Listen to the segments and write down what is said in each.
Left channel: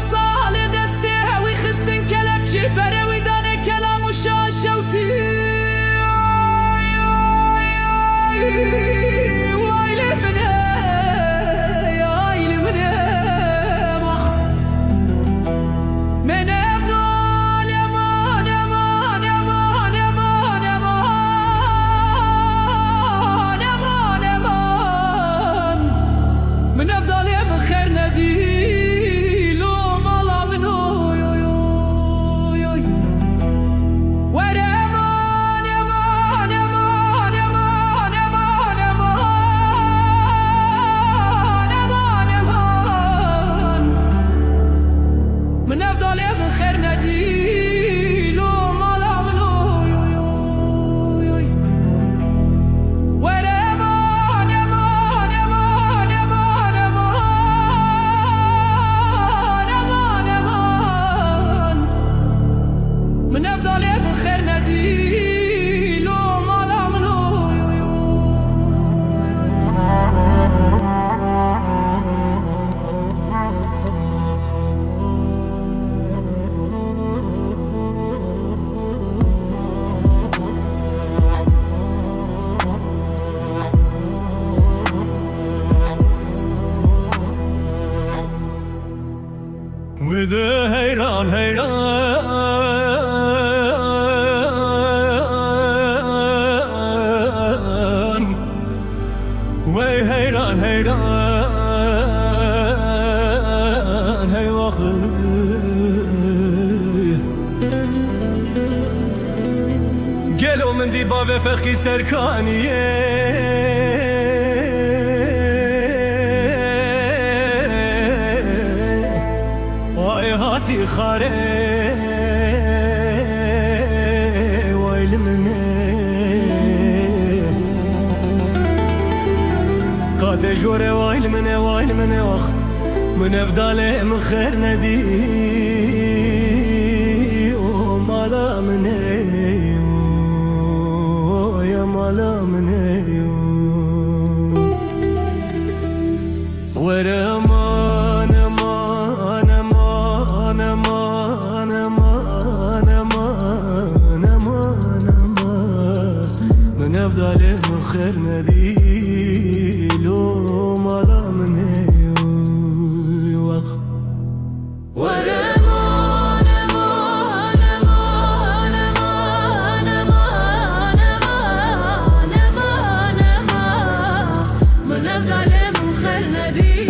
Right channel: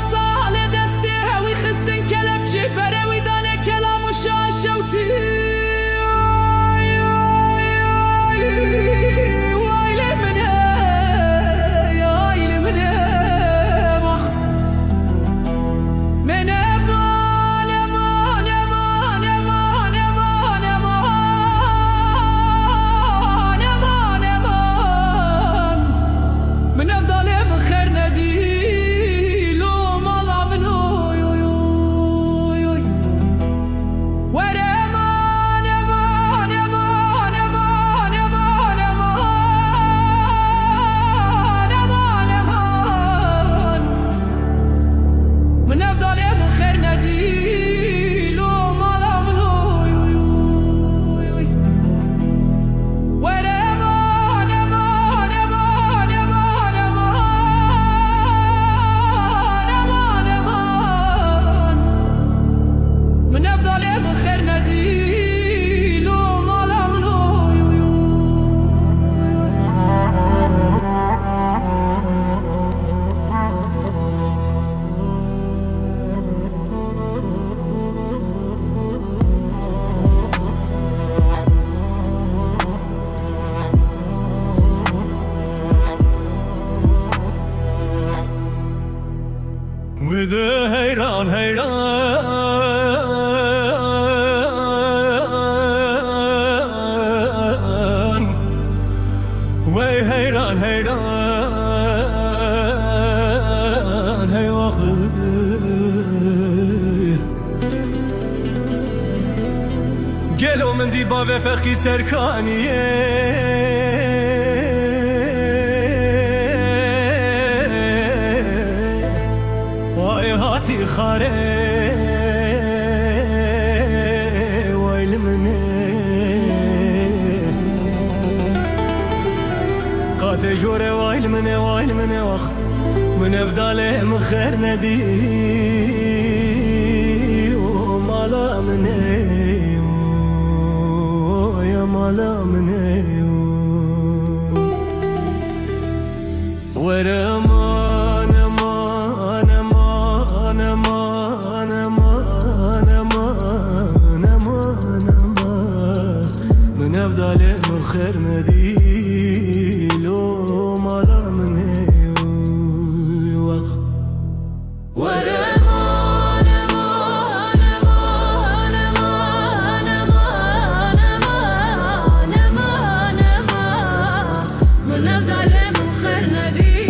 سال دسته وی خستن کلبچی بروی دانه کلام و شاشوتی وایل منه من من افضل من خير ندي لو مالا من اوي اوي اوي اوي ورمان يمان يمان يمان يمان يمان يمان من افضل من خير ندي لو مالا من اوي اوي اوي ورمان من افضل من خير ندي لو مالا من اوي اوي وده هيران هيران وي هيران هيران هي واخي قالوا من دي بابا فقي سركانيه هاتي خاري ويل مني قات جوري ويل مني وخ من افضل من خير ندي ومالا مني يا مالا مني ورمان من افضل من خير ندي لو مالا من وخ ورمان من افضل من خير ندي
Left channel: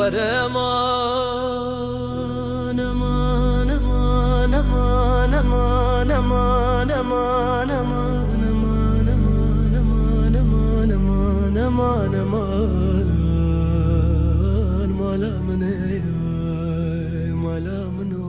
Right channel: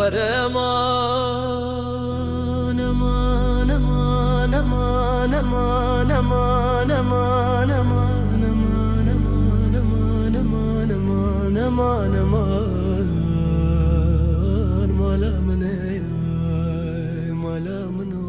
ورمان امان امان امان امان امان امان امان امان امان امان امان امان امان امان مالا من مالا من